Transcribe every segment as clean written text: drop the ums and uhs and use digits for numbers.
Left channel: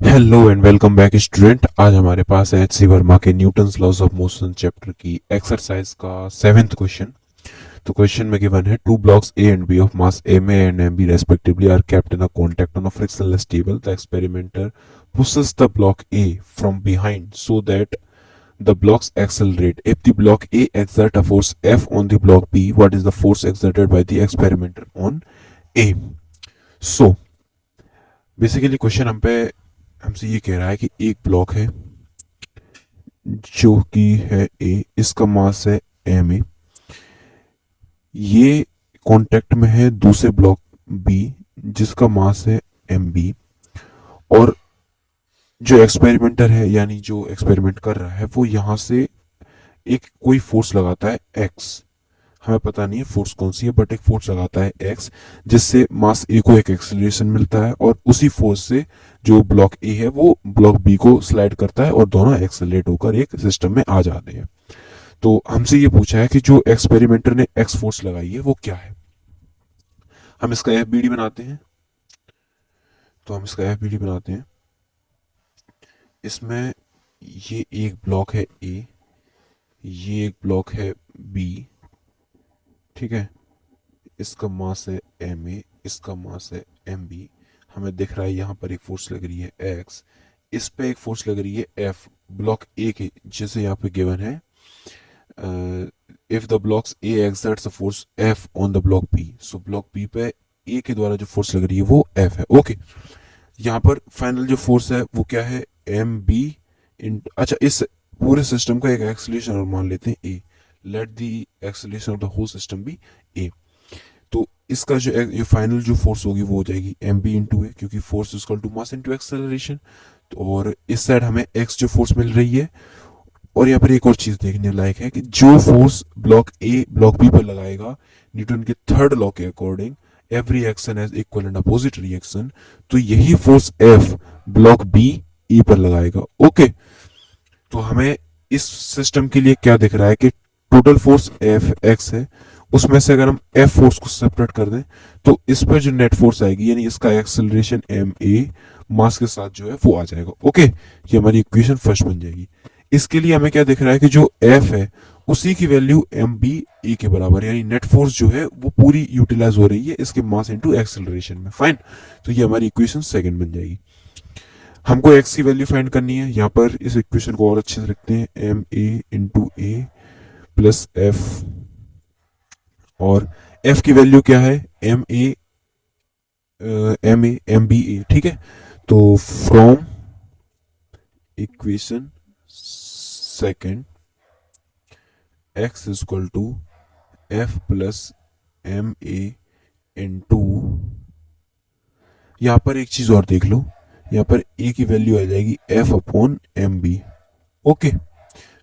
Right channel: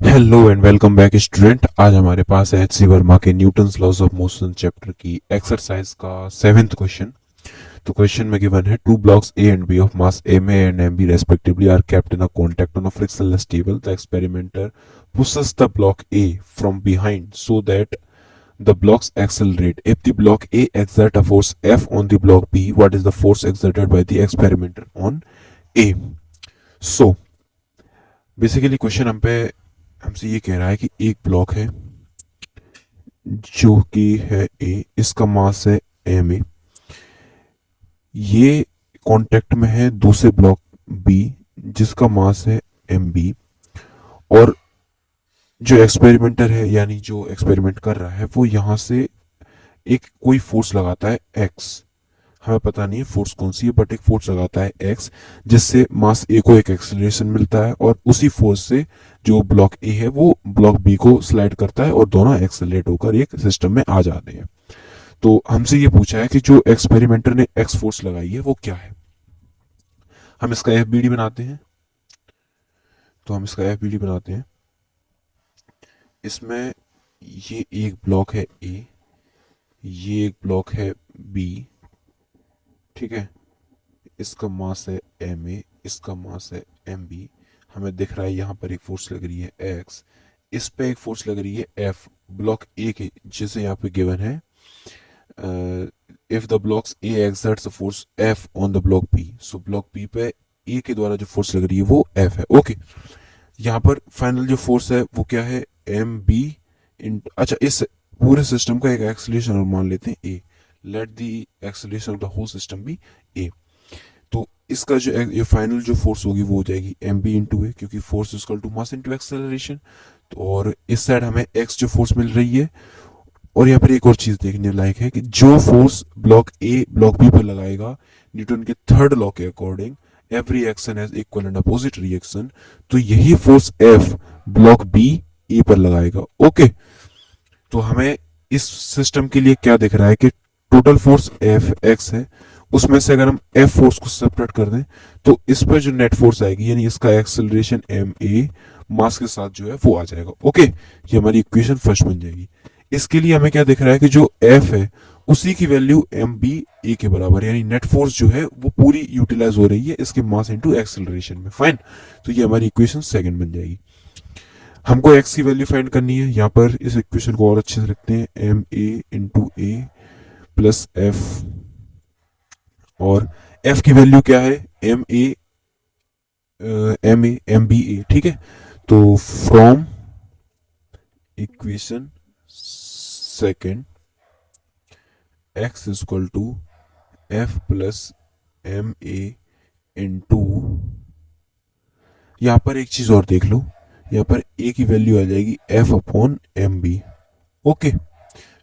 Hello and welcome back student. आज हमारे पास है एच सी वर्मा के Newton's laws of motion chapter की एक्सरसाइज का 7th क्वेश्चन। तो क्वेश्चन में गिवन है two blocks A and B of mass M A and M B respectively are kept in a contact on a frictionless table. The experimenter pushes the block A from behind so that the blocks accelerate. If the block A exert a force F on the block B, what is the force exerted by the experimenter on A? So basically question हम पे हमसे ये कह रहा है कि एक block है जो कि है ए, इसका मास है एम ए, ये कांटेक्ट में है दूसरे ब्लॉक बी जिसका मास है एम बी, और जो एक्सपेरिमेंटर है यानी जो एक्सपेरिमेंट कर रहा है वो यहाँ से एक कोई फोर्स लगाता है एक्स। हमें पता नहीं है फोर्स कौन सी है, बट एक फोर्स लगाता है एक्स जिससे मास ए को एक एक्सेलरेशन मिलता है, और उसी फोर्स से जो ब्लॉक ए है वो ब्लॉक बी को स्लाइड करता है और दोनों एक्सेलरेट होकर एक सिस्टम में आ जाते हैं। तो हमसे ये पूछा है कि जो एक्सपेरिमेंटर ने एक्स फोर्स लगाई है वो क्या है। हम इसका एफ बी डी बनाते हैं। तो हम इसका एफ बी डी बनाते हैं। इसमें ये एक ब्लॉक है ए, ये एक ब्लॉक है बी, ठीक है। इसका मास है एम ए, इसका मास है एम बी। हमें दिख रहा है यहाँ पर एक फोर्स लग रही है एक्स, इस पे एक फोर्स लग रही है एफ ब्लॉक ए के, जैसे यहाँ पे गिवन है if the blocks A exerts a force F on the block B, so block B पे ए के द्वारा जो फोर्स लग रही है वो एफ है। ओके, यहाँ पर फाइनल जो फोर्स है वो क्या है, एम बी इन, अच्छा इस पूरे सिस्टम का एक एक्सेलरेशन और मान लेते हैं A. Let the acceleration of the whole system be A. तो इसका जो ये फाइनल जो फोर्स होगी वो हो जाएगी एम बी इंटू ए, क्योंकि force equal to mass into acceleration. तो और इस साइड हमें एक्स जो फोर्स मिल रही है। और यहाँ पर एक और चीज देखने लायक है कि जो force block A block B पर लगाएगा न्यूटन के थर्ड लॉ के according every action has equal and opposite reaction, तो यही force F block B A पर लगाएगा। ओके, तो हमें इस सिस्टम के लिए क्या दिख रहा है कि टोटल फोर्स एफ एक्स है, उसमें से अगर हम एफ फोर्स को सेपरेट कर दें तो इस पर जो नेट फोर्स आएगी यानी इसका एक्सेलरेशन एम ए मास के साथ जो है वो आ जाएगा। ओके, ये हमारी इक्वेशन फर्स्ट बन जाएगी। इसके लिए हमें क्या दिख रहा है कि जो एफ है उसी की वैल्यू एम बी ए के बराबर है, यानी नेट फोर्स जो है वो पूरी यूटिलाइज हो रही है इसके मास इनटू एक्सेलरेशन में। फाइन, तो ये हमारी इक्वेशन सेकंड बन जाएगी। हमको एक्स की वैल्यू फाइंड करनी है। यहाँ पर इस इक्वेशन को और अच्छे से रखते हैं, M A into A plus F, और एफ की वैल्यू क्या है, M A M A M B A, ठीक है। तो from equation second X equal to F plus M A into, यहाँ पर एक चीज और देख लो, यहाँ पर ए की वैल्यू आ जाएगी F upon M B. Okay,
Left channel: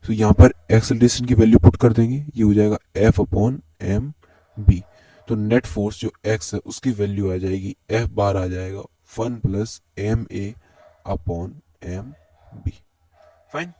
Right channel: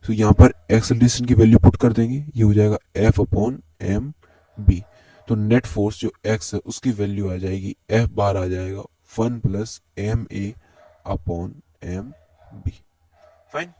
तो यहाँ पर एक्सेलरेशन की वैल्यू पुट कर देंगे, ये हो जाएगा एफ अपॉन एम बी। तो नेट फोर्स जो एक्स है उसकी वैल्यू आ जाएगी एफ बार आ जाएगा 1 plus M A upon M B. Fine.